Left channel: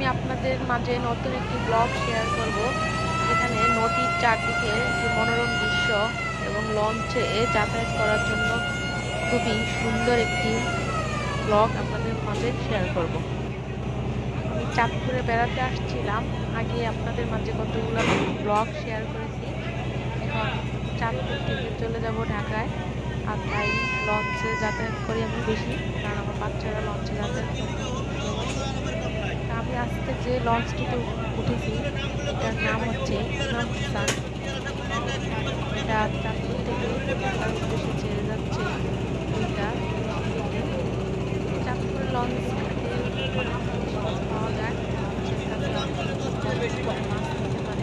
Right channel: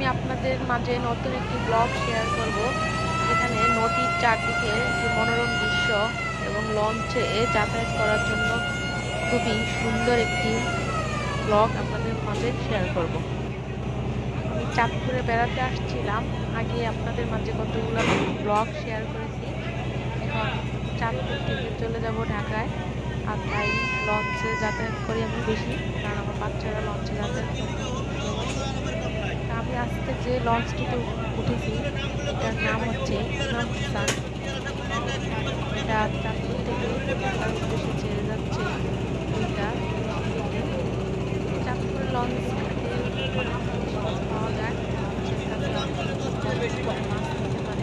আমি আপনাদের মাঝে নতুন একটি ব্লগ শেয়ার করব, যেখানে নদীর চারদিকে যে মনোরম দৃশ্য এবং লঞ্চে যাতায়াত করার জন্য খুবই সুন্দর একটি ব্লগ আপনাদের মাঝে শেয়ার করব। আমি চাঁদপুরে বেড়াতে আসছিলাম, আগে আপনাদের মাঝে কতগুলো ব্লগ শেয়ার করেছি। এখন চাঁদপুর থেকে চলে যাব ঢাকায়, আর তাই লঞ্চে যাতায়াত করি আমি বেশি, কারণ আমার বাচ্চারা লঞ্চে যাতায়াত করতে খুব ভালোবাসে। আমি আজকে যে লঞ্চটিতে উঠেছি এটার নাম হচ্ছে ইমাম হাসান। এটা চাঁদপুর থেকে ঢাকার উদ্দেশ্যে ছেড়ে যাচ্ছে দুইটা লঞ্চে। চাঁদপুরের লঞ্চ ঘাটে অনেক জিনিস পাওয়া যায়, মাছের কাছে অনেক মাছ নিতে পারে।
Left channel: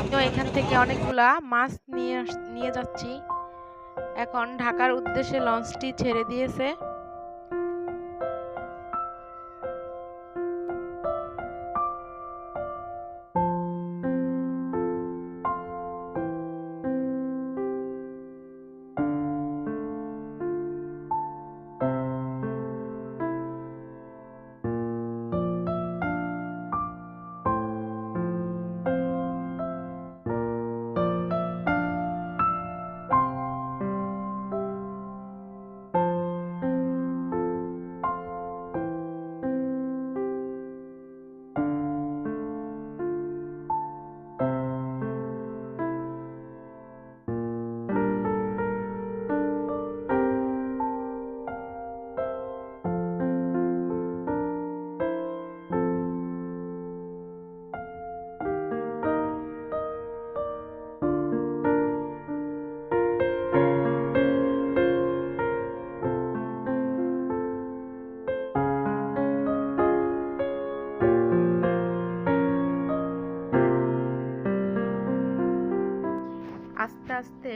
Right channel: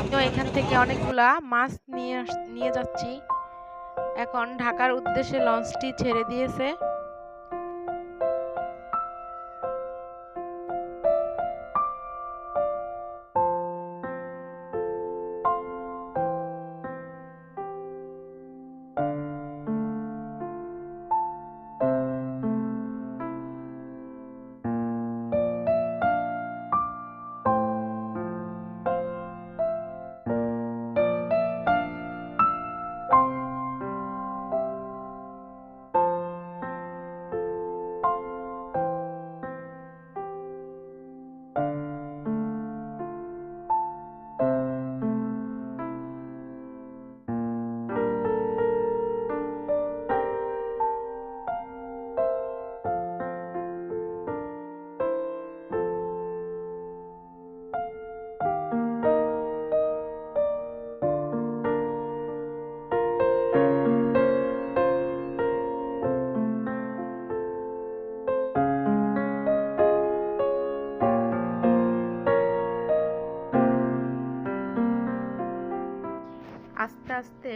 আমিও এখান থেকে অনেকগুলা মাছ নিয়ে যাচ্ছি। এখন ঢাকার উদ্দেশ্যে লঞ্চটি ছেড়ে দিয়েছে। আস্তে আস্তে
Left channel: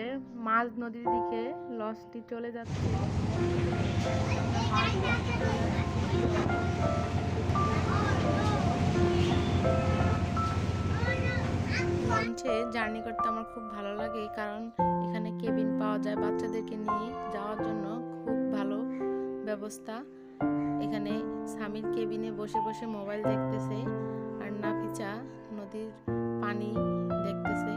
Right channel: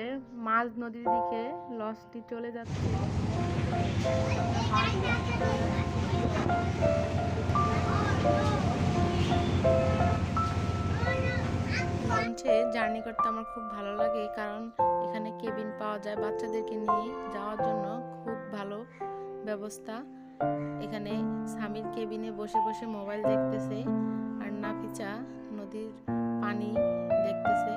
মাঝ নদীর দিকে লঞ্চটি চলে যাচ্ছে। লঞ্চে জার্নি করতে আমার খুব ভালো লাগে, কারণ এখানে কেবিন পাওয়া যায়। বাচ্চাদেরকে নিয়ে যাওয়ার জন্য খুব ভালো ব্যবস্থা। এখানে স্বামীর কেবিনে বসে বসে মোবাইল দেখতেছে, আর নাফিসা নদীর পানি দেখতেছে।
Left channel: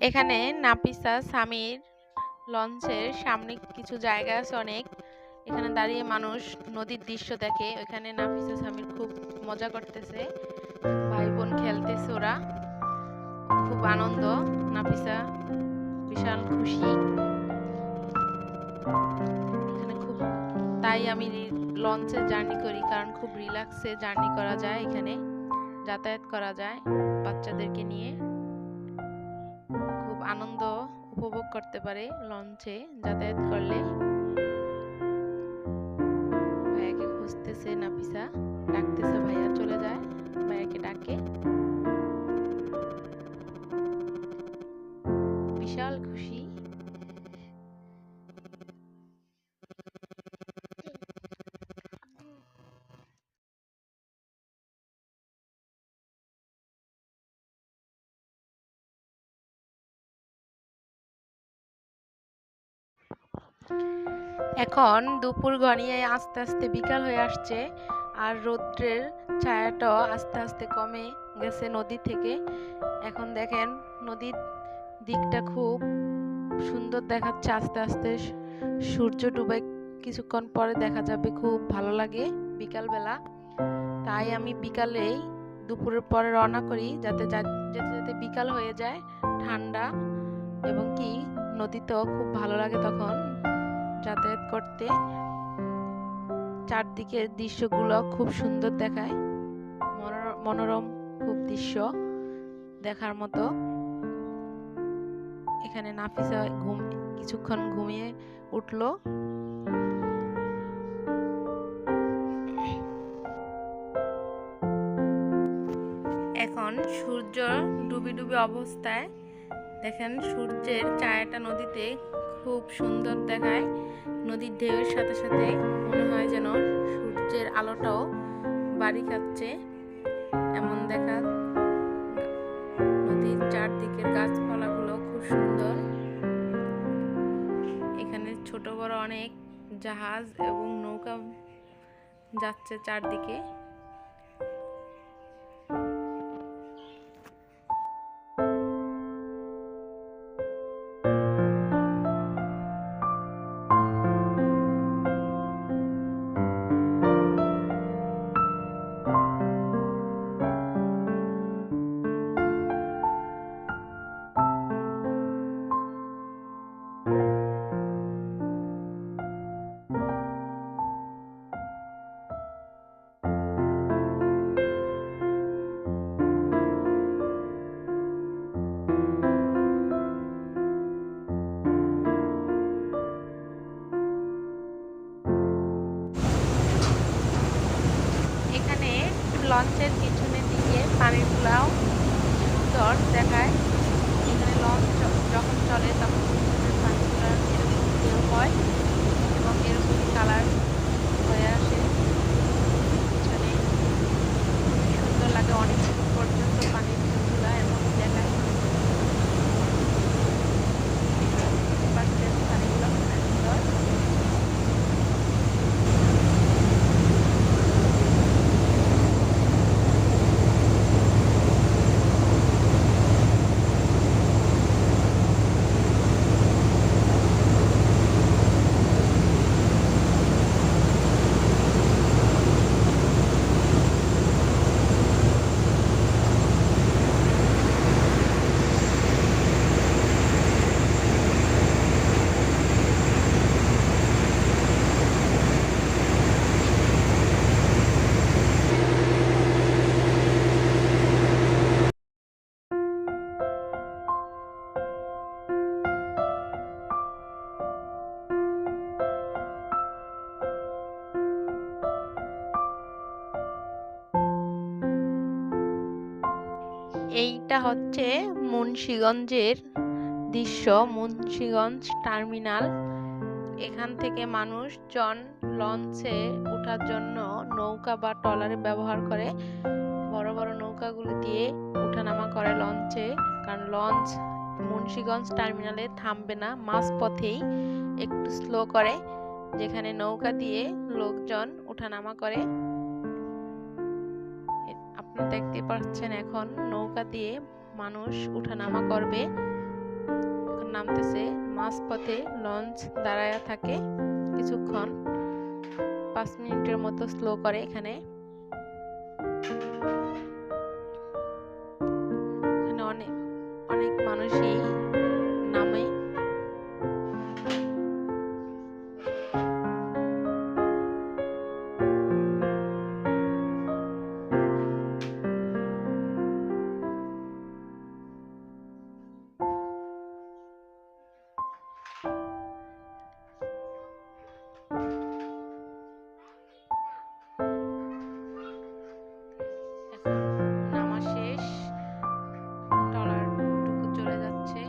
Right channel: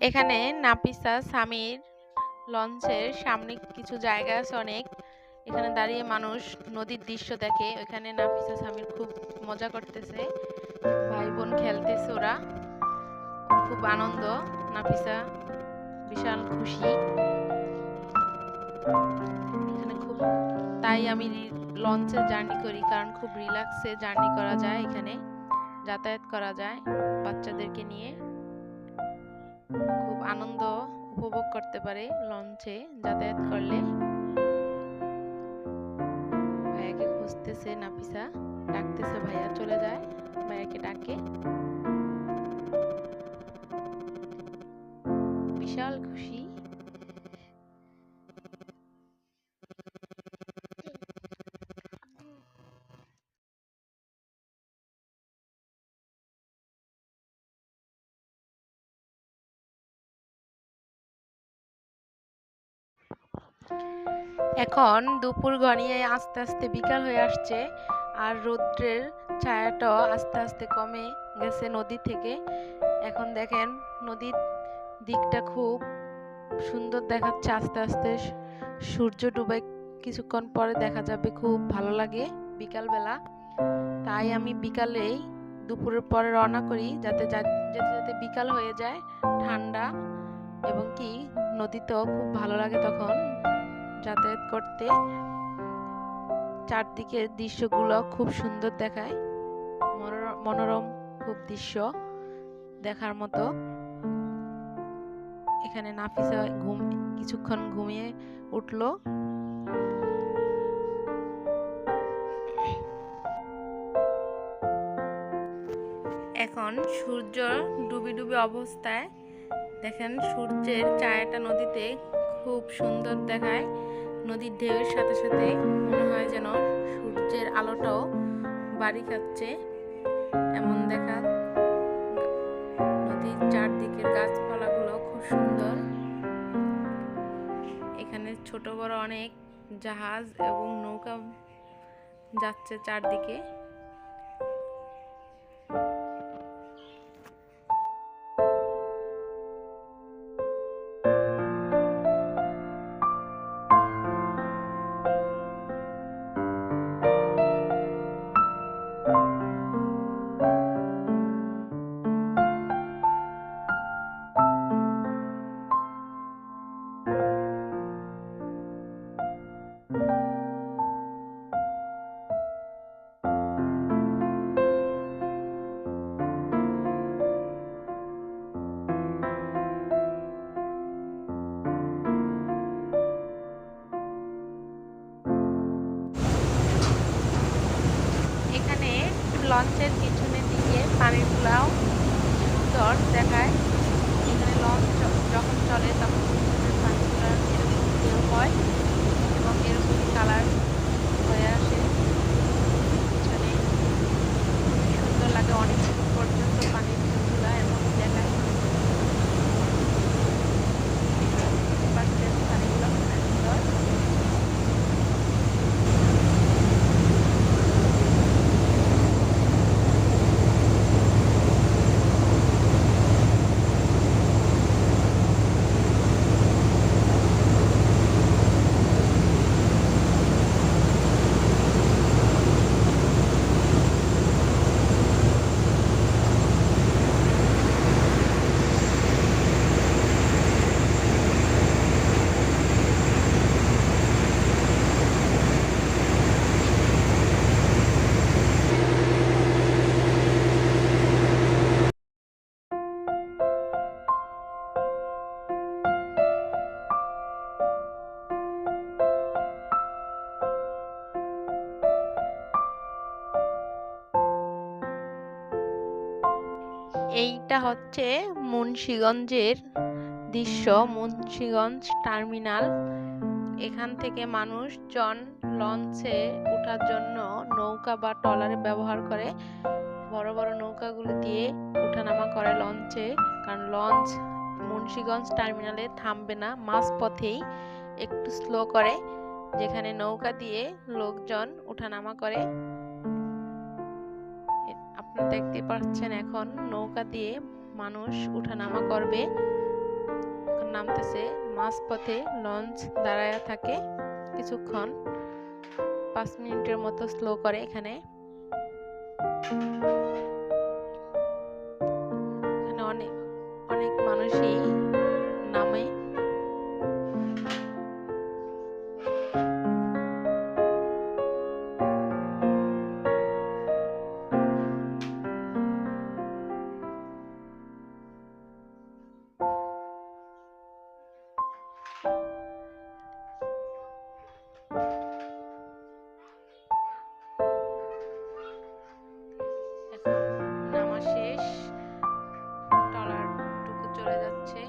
এখানে নাফিসা স্বামীর লঞ্চের সামনে কিছু জায়গা আছে অনেক, এখানে দাঁড়িয়ে মানুষ নদীর দৃশ্য দেখে। ওইখানে নাফিসা স্বামীর খুব মজা করতেছে, ভাই বোন খেলতেছে, ওরা খুব আনন্দ। নাফিসা বিশাল খুশি এখানে খুব। তাই আমি লঞ্চে জার্নি করি, কারণ খুব রিল্যাক্সে জার্নি করা যায়, এখানে যাতায়াত করা যায় বাচ্চাদেরকে নিয়ে। খুব আনন্দ উপভোগ করতে পারে লঞ্চে যাতায়াত করলে। ভাইয়াকে খুঁজতেছে নাফিসা, ডাকতেছে, ভাইয়া চলে যায়, ভাইয়াকে ডাকে। বিশাল খুশি। এখন দুপুর গড়িয়ে আস্তে আস্তে বিকাল হয়ে আসছে, আর রৌদ্রের ছায়াটাও আস্তে আস্তে কমে গেছে নদী থেকে। এখন দেখেন নদীর দিকটা খুব সুন্দর দেখাচ্ছে। আস্তে আস্তে সূর্য ডুবে কিছুক্ষণ পরে দেখা যাবে, খুব ভালো লাগে বিকালবেলা। তাই আমি বিকালেই দুপুরের পরে রওনা করি, যাতে যেতে বিকাল হয়ে যায়, ঠান্ডা এবং কি নদীতেও খুব ভালো লাগে তখন যাতায়াত করতে। চারদিকের দৃশ্যগুলো খুব সুন্দর দেখায়, মনোরম খুব দৃশ্য দেখার মতো। এখানে নাফিসা কিছুক্ষণ ঘুমিয়ে উঠলো। এখন সূর্য ডুবি ডুবি অবস্থায়। দেখেন সূর্যের ছায়াটা নদীতে খুব সুন্দর দেখায়। নদীর ঢেউয়ের সাথে সাথে মনে হয় যেন সূর্যের আলোটাও বাড়ি খাচ্ছে এমন দেখা। নদীর চারদিকের গাছপালাগুলো খুব সুন্দর। এখানে ছোট বড় অনেক জাহাজ এবং নৌকা যাচ্ছে চারদিকে। এখানে লঞ্চের পিছনের দিকে পানিগুলাও সুন্দর দেখায়। এখানে লঞ্চ যখন চলে তখন পানিগুলা এরকম ঢেউ হয় এবং এরকম কালার হয়ে আসে। পিছনে খুবই সুন্দর লাগে, অনেক পর্যন্ত পানির ঢেউগুলা এমন দেখায়। পানিগুলো খুব সুন্দর। এইটা হচ্ছে মুন্সিগঞ্জের দৃশ্য, মুন্সিগঞ্জ টার্মিনাল। এখান থেকে মানুষজন লঞ্চে ওঠার জন্য নৌকা বা ট্রলারে ব্যবহার করে। বড় বড় নৌকাগুলি দিয়ে ওঠানামা করে লঞ্চে, কারণ লঞ্চ মুন্সিগঞ্জ টার্মিনালে থামবে না, মাঝপথেই একটু স্লো করে, যেখানে নৌকা দিয়ে লোকজন ওঠানামা করে। আপনারা দেখতে পাচ্ছেন এখন নৌকা দিয়ে মানুষ উঠানামা করবে। এখন নামতেছে, মাঝপথে লঞ্চ দাঁড়ায়া থাকে কিছুক্ষণ, 5 মিনিটের মতো স্লো করে। এখানে অনেক অনেক মানুষই নামে। এখন নামা শেষ, ট্রলারটুকু চলে যাচ্ছে।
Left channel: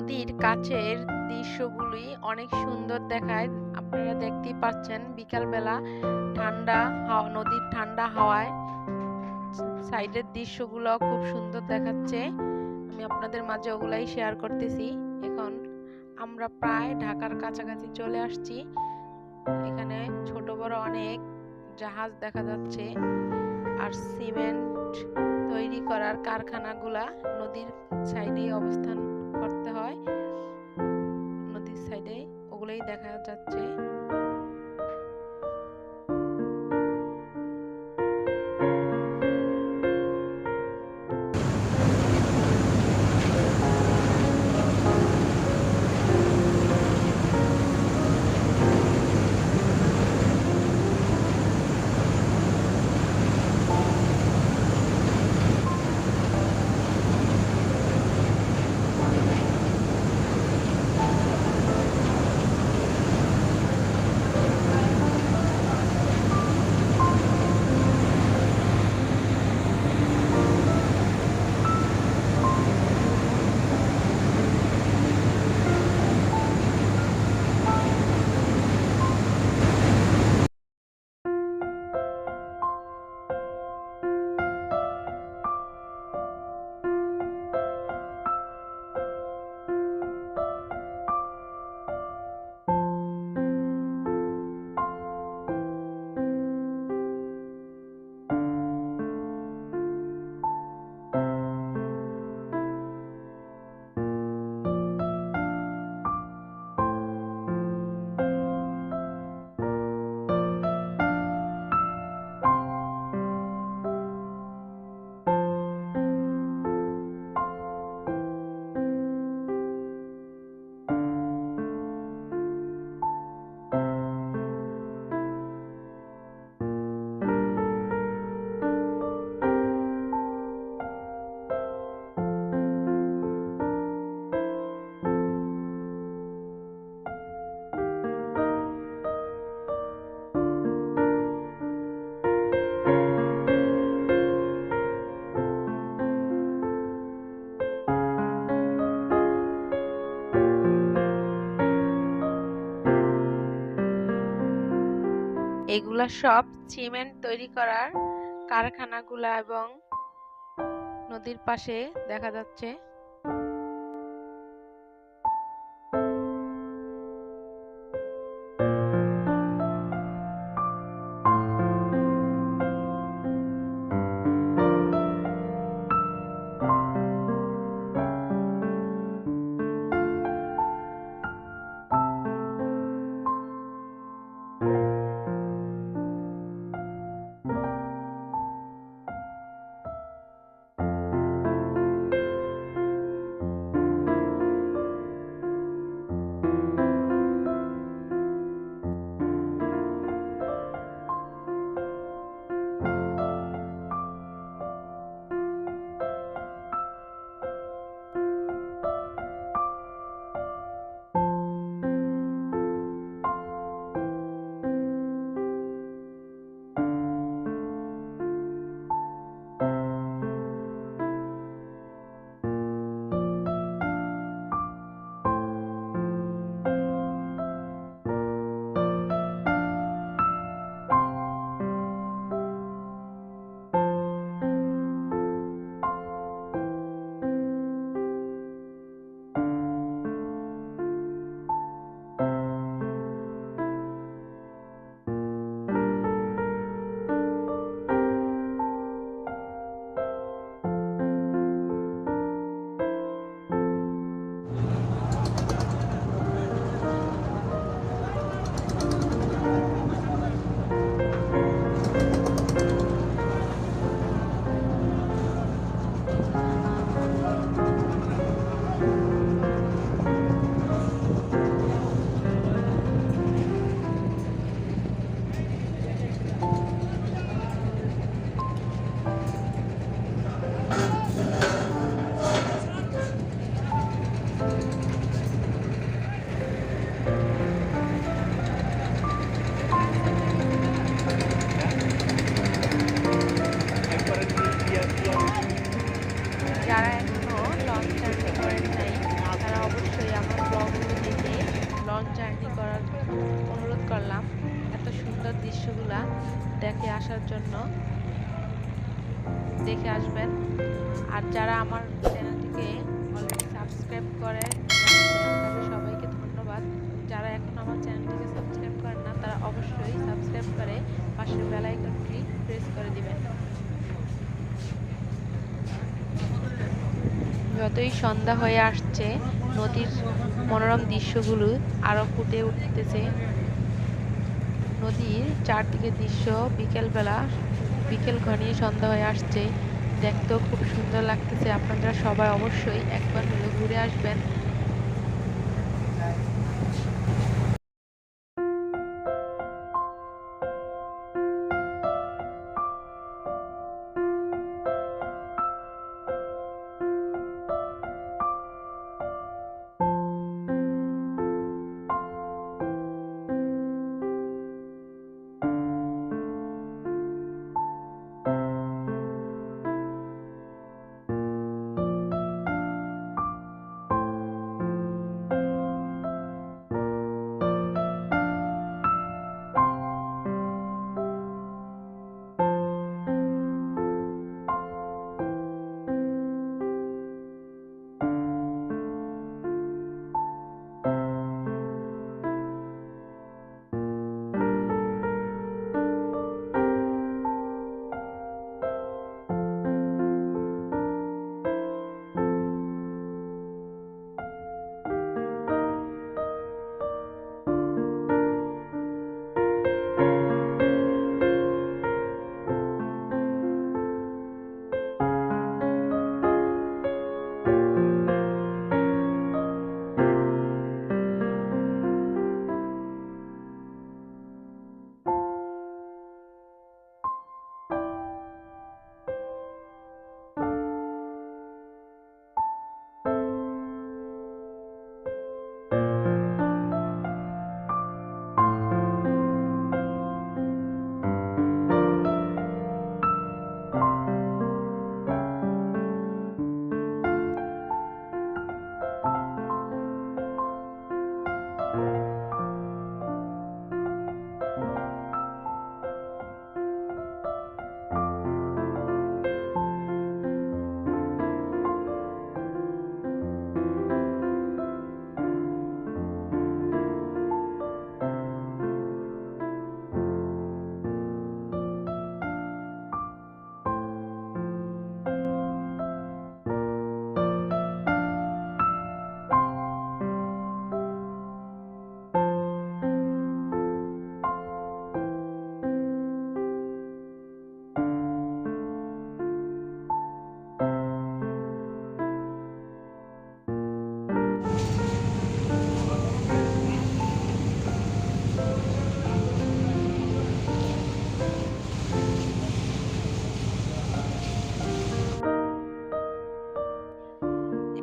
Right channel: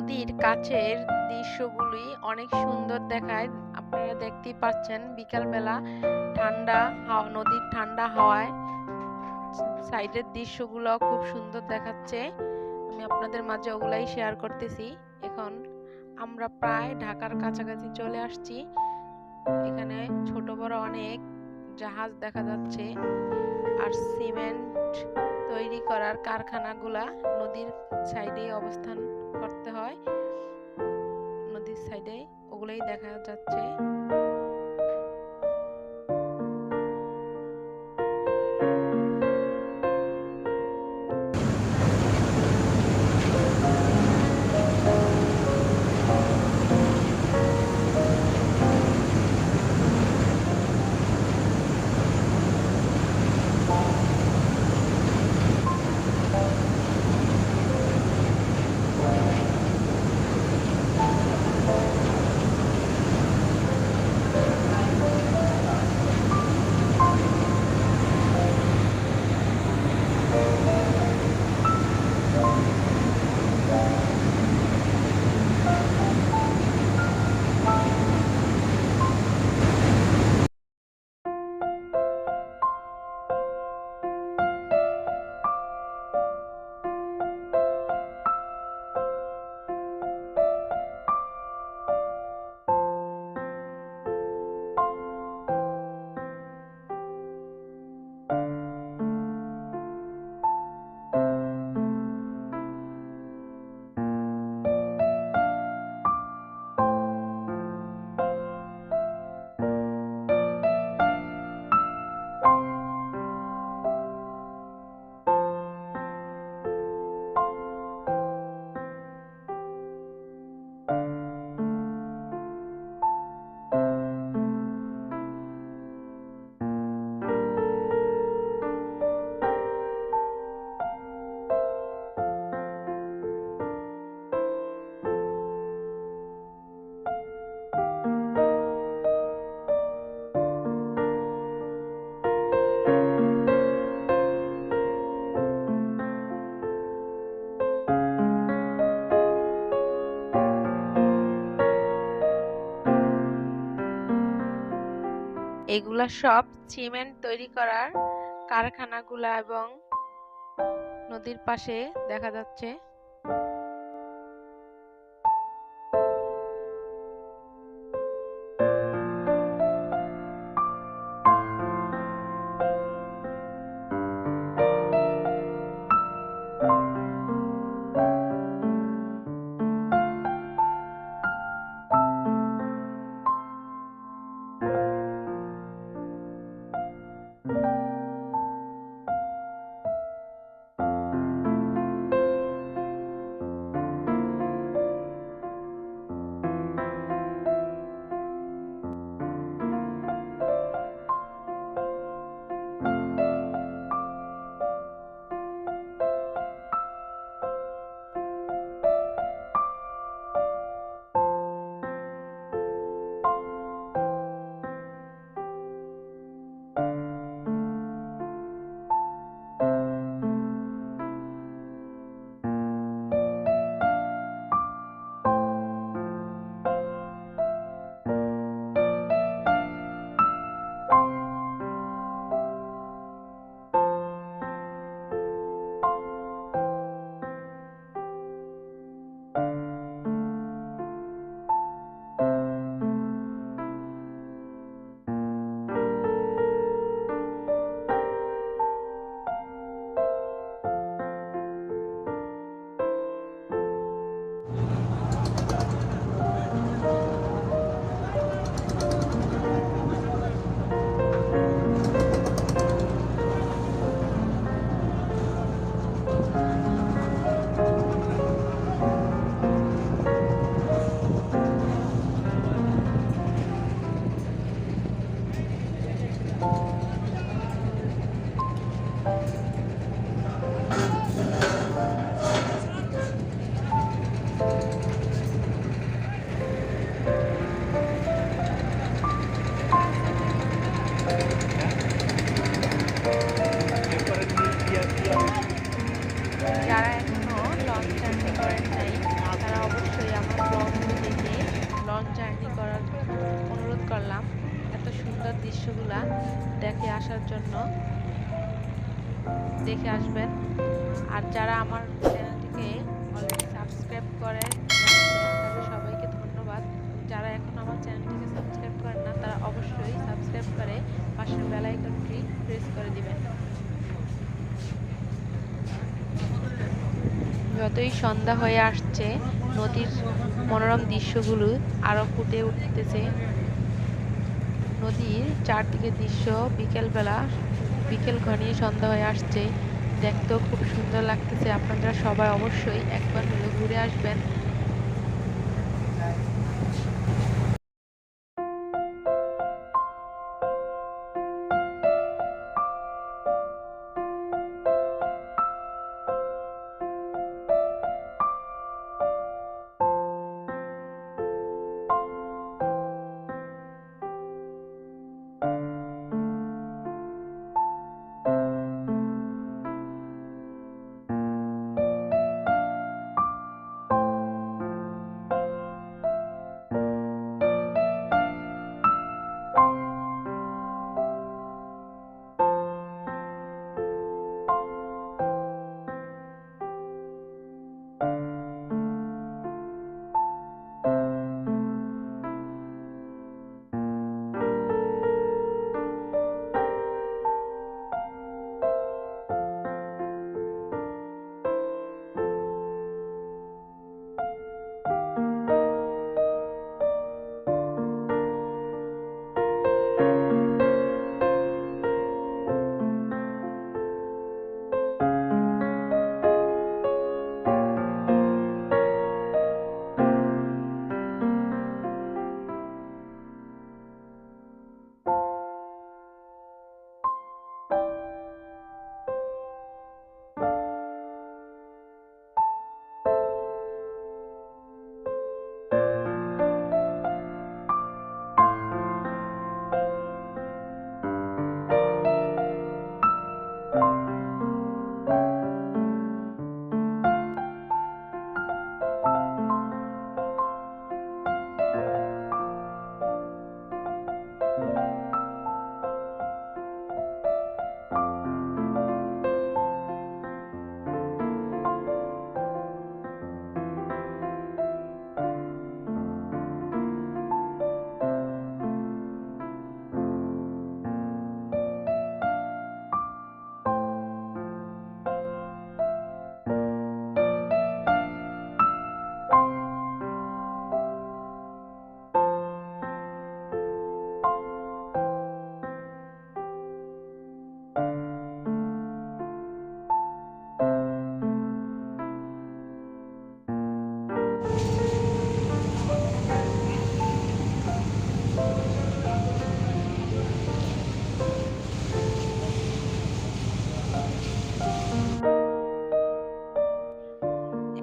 নদীর কাছের দৃশ্যগুলি অনেক সুন্দর দেখায়। আপনারা দেখতেই পাচ্ছেন বিকালবেলা নদীর ঠান্ডা হাওয়ায় সাইডের দৃশ্যগুলো খুব সুন্দর দেখাচ্ছে। আমি আপনাদের মাঝে ওগুলাই শেয়ার করতেছি। এখন আমরা প্রায় ঢাকার কাছাকাছি চলে আসছি। এখানে ছোট বড় অনেক জাহাজ দেখা যাচ্ছে। আর সিমেন্ট তৈরি করার কারখানাগুলা নদীর সাইডে অবস্থান করতে হয়। নদীর সাইডে ওগুলাই দেখা যাচ্ছে। এগুলা সব সিমেন্ট তৈরি করার কারখানাগুলা এবং নদীর পাশে দেখা যাচ্ছে। দেখে আসার জন্য দেখে আসবেন। আর যারা আমার চ্যানেলটিকে অলরেডি সাবস্ক্রাইব করে তাদের সবাইকে ধন্যবাদ। যারা এখন আমার চ্যানেলটিকে সাবস্ক্রাইব করেন না তারা অবশ্যই সাবস্ক্রাইব করে পাশের বেল আইকনটি প্রেস করে দিবেন। যতই সন্ধ্যা হয়ে আসছে নদীর মনোরম দৃশ্যগুলো আরো ফুটে উঠতেছে। নদীর চারদিকে দৃশ্য বিকেল ঘনিয়ে সন্ধ্যা হয়ে আসছে, দেখতেও খুব সুন্দর লাগতেছে। আপনারা সবাই অবশ্যই একবার হলে ঘুরে আসবেন।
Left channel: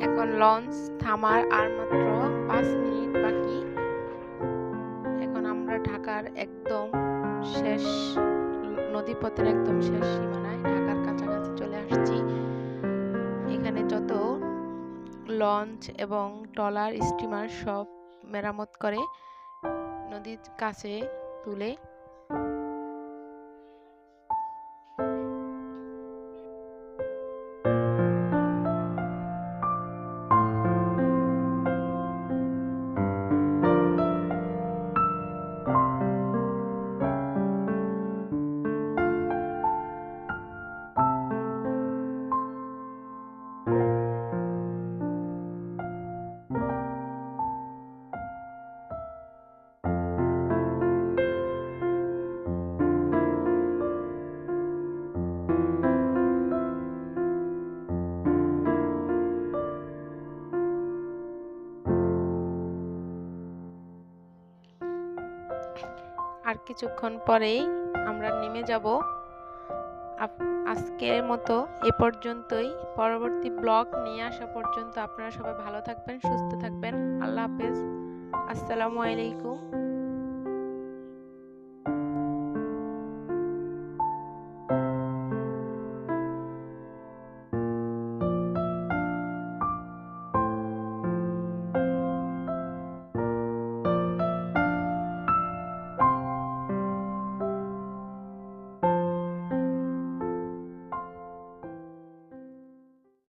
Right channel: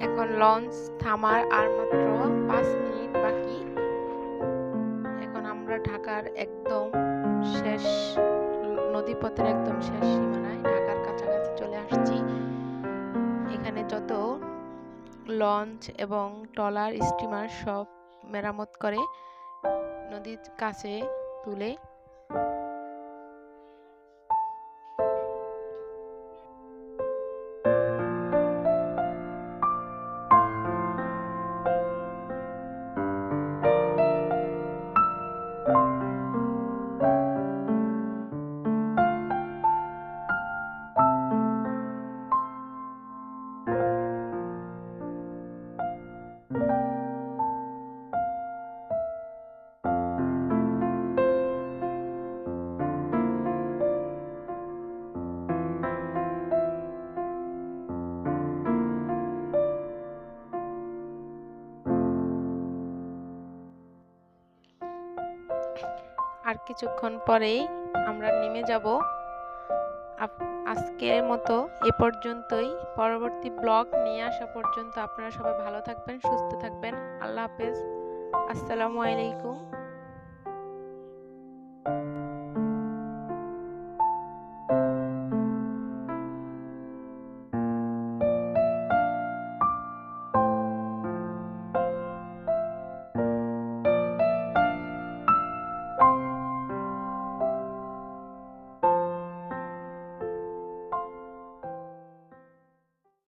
এখন লঞ্চ থামার আর মাত্র 5 মিনিট বাকি। এখন আমরা ঢাকার একদম শেষ নদীপথের একদম শেষ সীমানায় ঢাকার কাছাকাছি চলে আসছি। এখানে যত লঞ্চ এবং ট্রলার স্টিমার সব মেরামত করে নদীর কাছে তুলে। আর কিছুক্ষণ পরেই আমরা নেমে যাব। আজকের মতো এ পর্যন্তই। পরবর্তী ব্লগ নিয়ে আসা পর্যন্ত আপনারা সবাই ভালো থাকবেন, সুস্থ থাকবেন। আল্লাহ হাফেজ। আসসালামু আলাইকুম।